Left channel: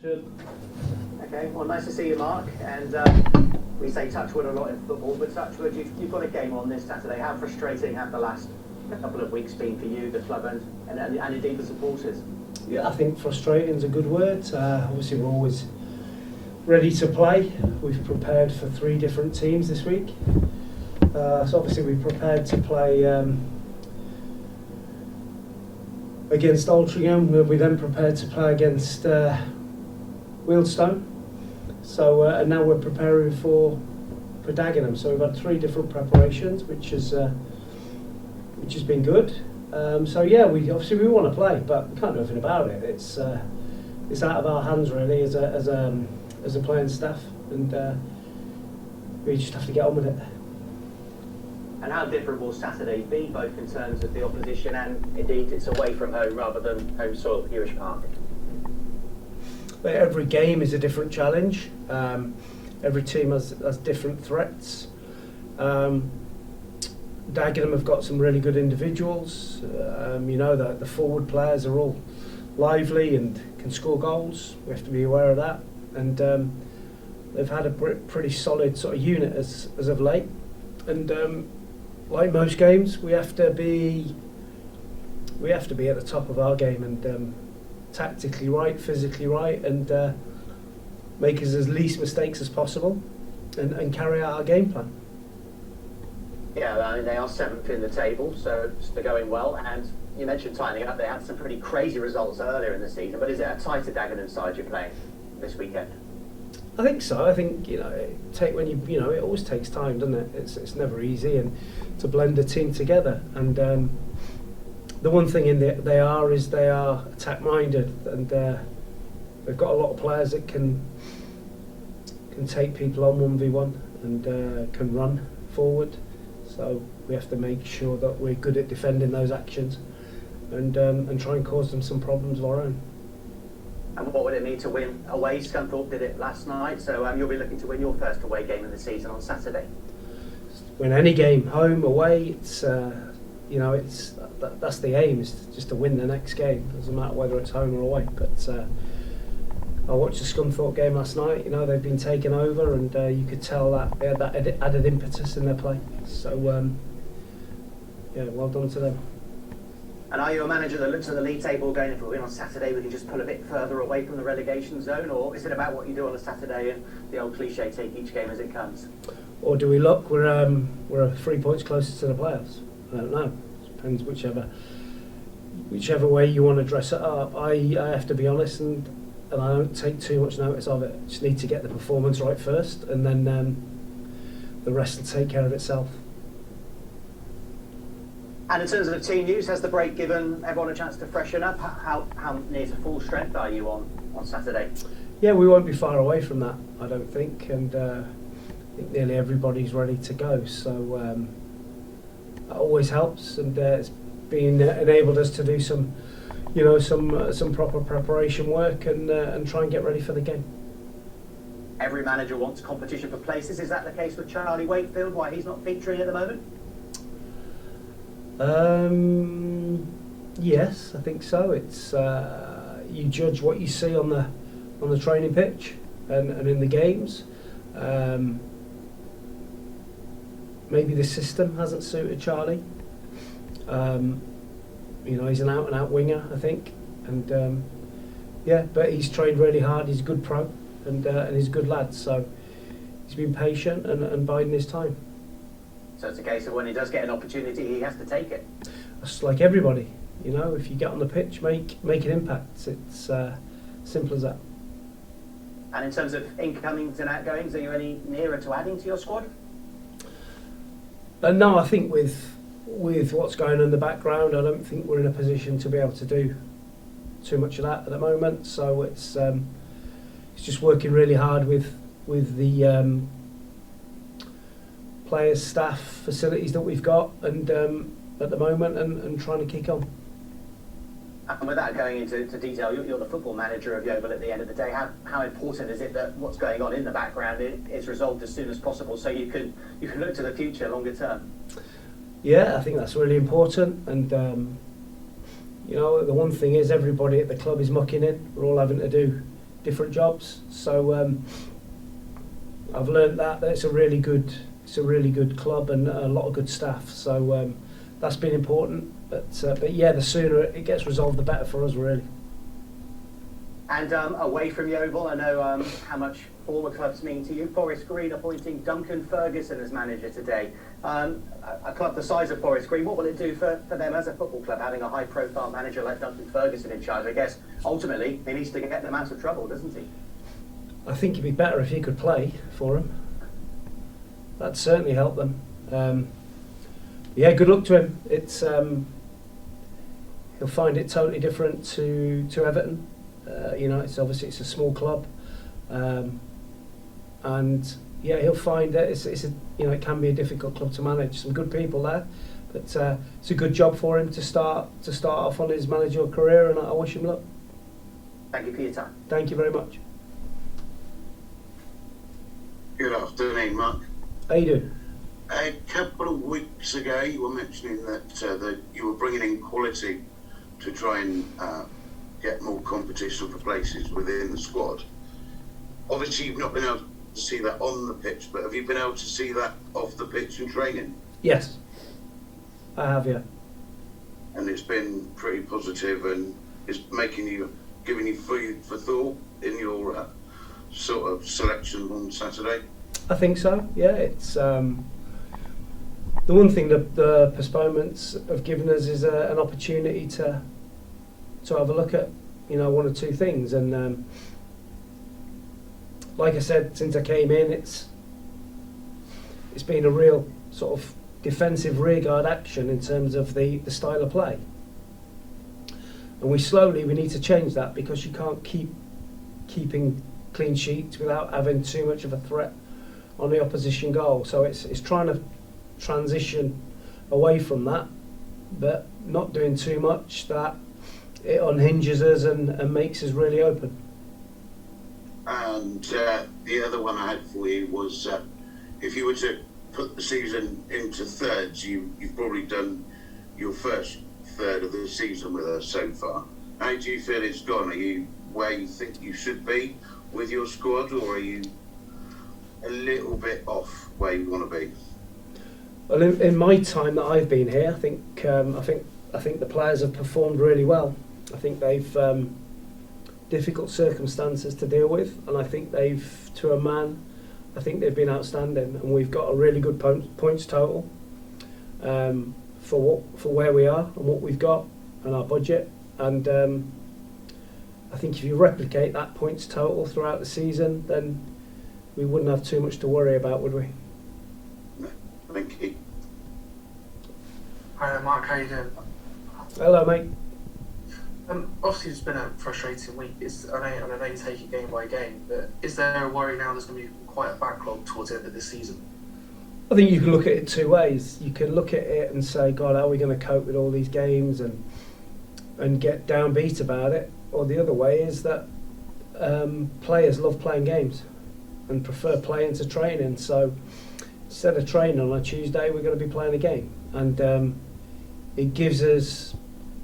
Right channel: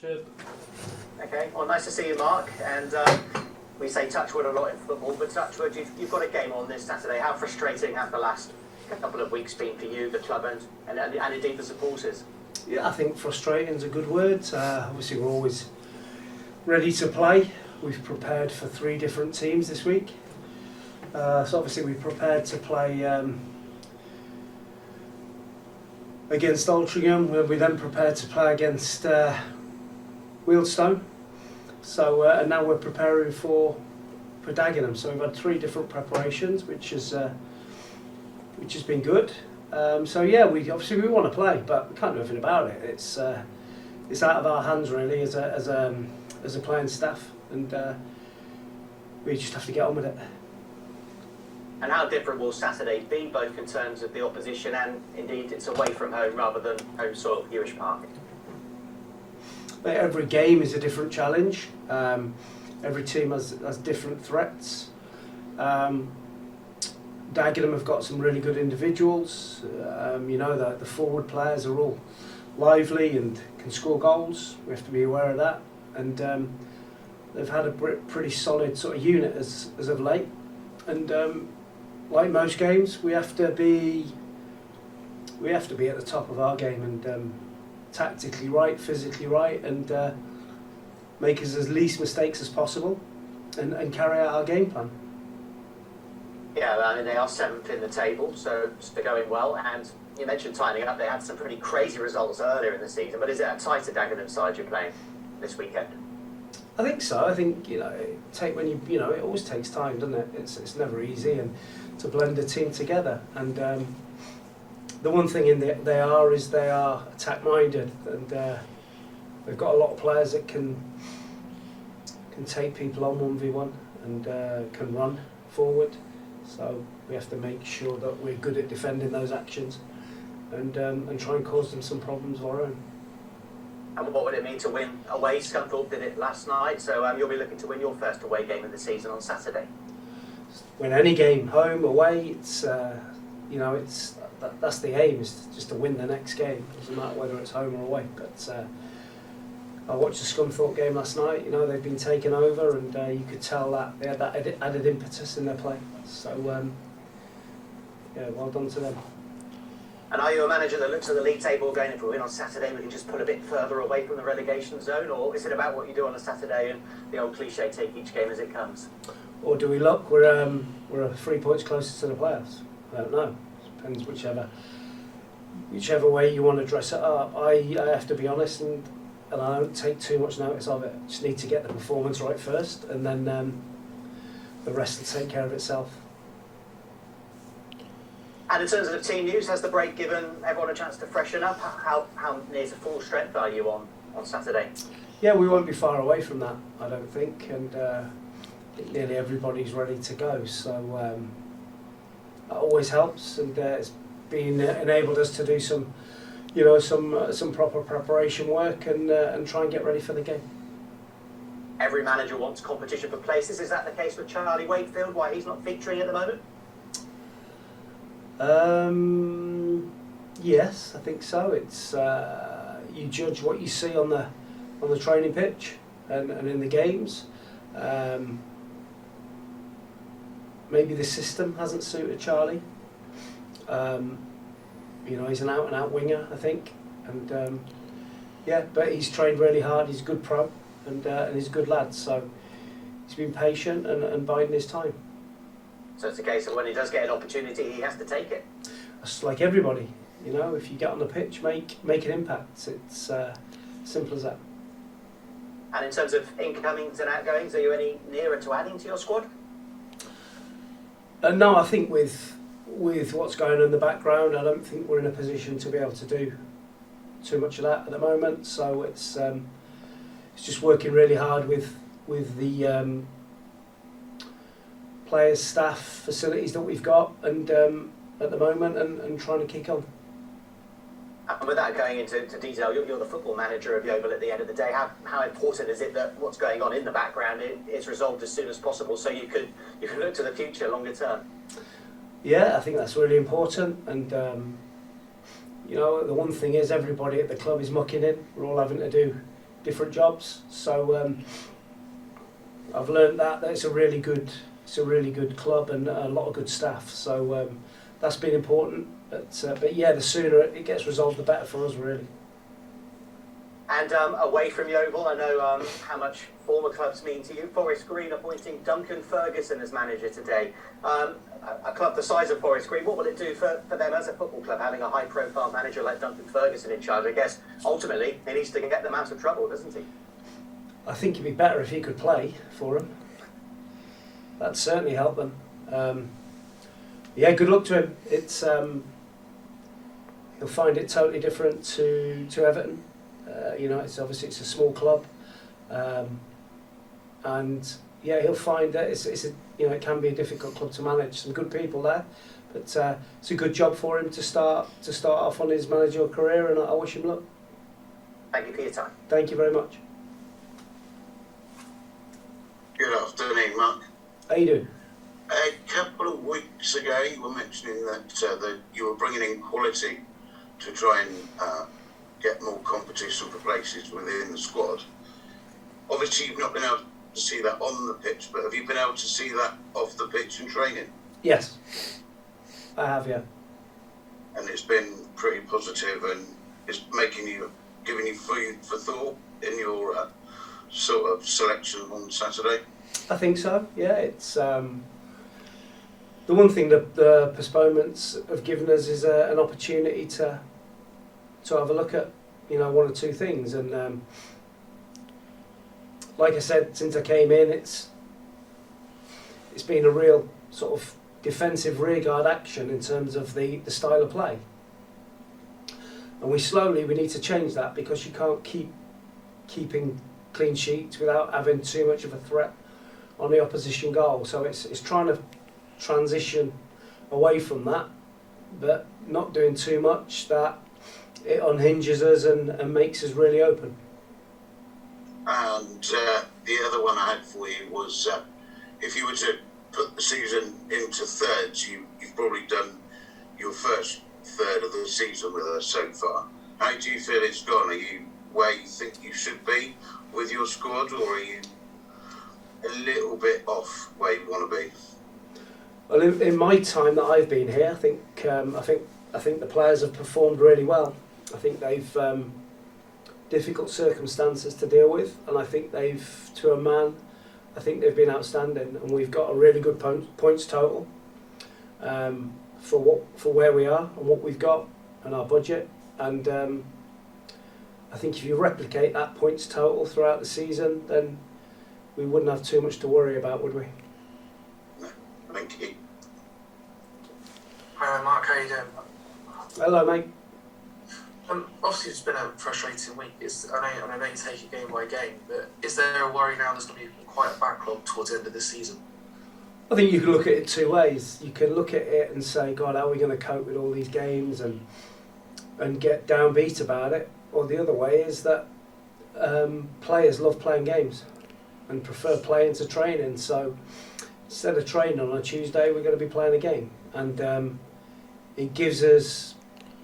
Cheers. Okay, well, nice to see you, Mark. And we say touchwood a lot in football, but touchwood, you've got a game on this Saturday. How frustrating have the last couple of weeks been for you, the club, and indeed the supporters? Yeah, I think frustrating is a good word. Obviously, we're always ready to play. We've prepared for 3 different teams this week. So obviously, we prepared to play against Altrincham. We then prepared to play against Wealdstone. So and now we're preparing for Dagenham. So we've had 3 different preparations, which has been good. So yeah, we want to play, but we can't do anything about it. It's out of our hands really as a playing staff, and we just have to get on with it. And how different will Saturdays be, both in terms of the opposition and indeed it's away from home rather than home soil, Hewish Park? But every game is a different challenge. Every team has different threats. Dagenham have got some really good individuals. The forward players are all lively and can score goals. We have to be aware of that. And they've had a pretty solid sort of unit as of late. And like most games, we have to be at the top of our game and tactically right, physically right, and make us as least mistakes as possible, and carry out our game plan. Yeah, I mean, they are 7th in the table, so they're going well. And you mentioned tightening up. They had some pretty crazy results earlier in the season, but is it a tighter Dagenham side you're playing this weekend? I think so. I think it always takes time, doesn't it? It's never easy, and to blend a team together. And the one thing they are attack minded, and they've got a lot of players that can take people on 1v1 and can run forward. So we have to make sure that we're good at defending those actions, and try and cause them some problems of our own. And what would it mean to win away? Scunthorpe did it last night, so you'll be looking to win your first away game of the season on Saturday. Win any game, home, away. It's that's the aim, is just to win the next game. It doesn't matter whether it's home or away. But I watched the Scunthorpe game last night. They've been taken over, and you could tell that they had that added impetus in their play. So well done to them. And are you a manager that looks at the league table going, if we win on Saturday, we can just pull a bit further away from the relegation zone? Or is it about what you do on a Saturday and the old cliche, take each game as it comes? Or do we look, we're 3 points closer to the playoffs? I don't know. It depends whichever way you want to dress it up. I have to be honest, and I don't take too much notice of it. Just need to get the performance right first, and then the rest will take care of itself. And in terms of team news, has the break given everyone a chance to freshen up? How near to full strength are you on Saturday? Yeah, we won't be far away from that, I don't think, and I think nearly everybody's ready to go. So that always helps, and it's enabled us to do some proper preparation work and try and get ready for the game. Every manager wants competition for places. Is that the case with Charlie Wakefield? Why he's not featuring at the moment? Yes, I think so. It's you judge what you see on the training pitch and in the games. Maybe the system hasn't suited Charlie. He's an out-and-out winger, I think, and but he's trained really hard. He's a good pro, and he's a good lad. So he's been patient and biding his time. So it's a case of when he does get an opportunity, he has to take it. It's like everybody, if you get on the pitch, make an impact. It's simple as that. And in terms of incomings and outgoings, are you any nearer to adding to your squad? No, I think with what's going on in the background, I don't think we're in a position to be able to do too much of that at the moment. So it's just working really hard with the players, staff, facilities that we've got, and at the moment, and trying to kick on. And without going into detail, you're the football manager of Yeovil at the end of the day. How important is it that what's going on in the background is resolved as soon as possible, so you can look to the future longer term? Yeah, I think that's really important, and the one thing is everybody at the club is mucking in. We're all having to do different jobs. So I've learned that it's a really good club and a lot of good staff. So that's been important. But yeah, the sooner it gets resolved, the better for us, really. And away from Yeovil, I know how much former clubs mean to you. Forest Green appointing Duncan Ferguson as manager today. A club the size of Forest Green, what will it do for them as a football club, having a high-profile manager like Duncan Ferguson in charge? I guess, ultimately, he needs to get them out of trouble, doesn't he? I think it'd be better if he could play for them. That'd certainly help them. Yeah, good luck to him. It's he'll find it totally different to Everton. It's obviously it's a small club, and yeah, he'll find that it can be a difficult club to manage. Some good people there, but it's a good job for him to start off on his managerial career, and I wish him luck. Thank you for your time. Thank you very much. Good afternoon, Mark. How you doing? A couple of weeks ago, you were mentioning that you were bringing in quality to try and get more competition for places within the squad. Obviously, you've not been able to see that on the pitch, but have you been able to see that off the pitch in training? Yes, I have, yeah. And it's been pretty positive, and it's giving you food for thought in your sort of selection on Saturday? I think so, yeah. It's the one thing that the postponements have given us is an opportunity to have a look at, one or two things. And like I said, since I came in, it's been a real sort of defensive rearguard action in terms of the style of play. And we need to change that, because you can't keeping clean sheets without having too much of a threat on the opposition goal. So it's trying to transition away from that, but not doing too much that it unhinges us and makes us really open. And the other one I had for you was, if you were to put the season into thirds, you've probably done your first third of the season with us so far. How do you feel it's gone? Are you where you think you should be with your squad, or are you a little bit off where you want to be? Well, in my time that I've been here, I think the players have performed really well. I think they've difficult circumstances to deal with, and I think to a man, I think they've been outstanding, and we've got a really good points total for where we are and what we've got and our budget. And I think if you replicate that points total throughout the season, then we wouldn't have too much to worry about, would we? No, thank you. Hi Mark, how you doing? Hello, mate. Obviously it's been a frustrating week. I know you take it game by game, but is there a worry now there's going to be quite a backlog towards the end of the season? I think you can look at it two ways. You can look at it and say, God, how are we going to cope with all these games and get downbeat about it? Or the other way is that players love playing games and prefer playing to training. So instead of training on a Tuesday, we're going to be playing a game. And it gives us,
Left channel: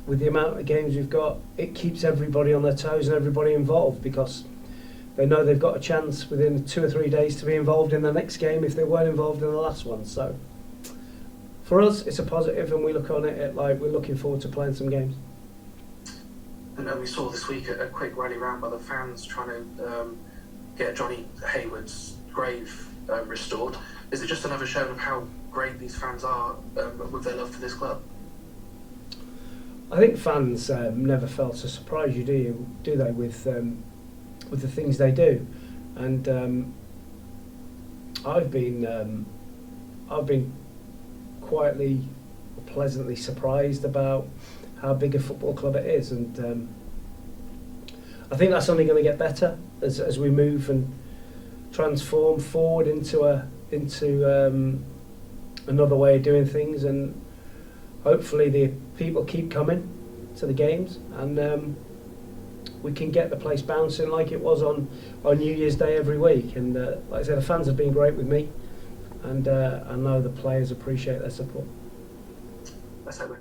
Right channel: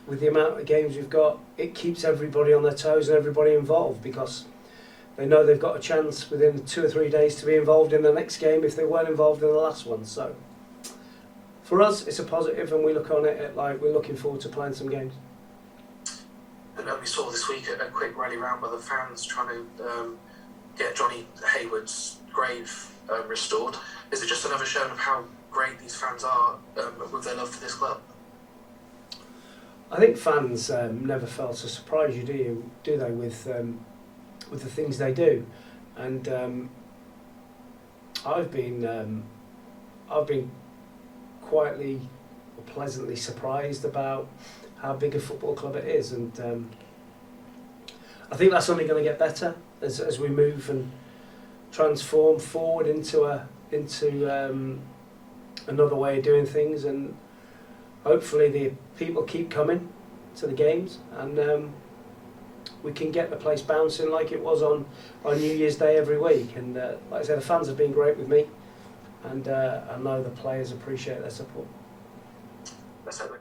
with the amount of games we've got, it keeps everybody on their toes and everybody involved, because they know they've got a chance within 2 or 3 days to be involved in the next game if they weren't involved in the last one. So for us, it's a positive, and we look on it like we're looking forward to playing some games. And we saw this week a quick rally round by the fans trying to get Johnny Hayward's grave restored. Is it just another showing of how great these fans are with their love for this club? I think fans never fail to surprise you, do they, with the things they do, and I've been quietly, pleasantly surprised about how big a football club it is, and I think that's only going to get better as we move and transform forward into another way of doing things, and hopefully the people keep coming to the games, and we can get the place bouncing like it was on New Year's Day every week. And like I said, the fans have been great with me, and I know the players appreciate their support. Let's hope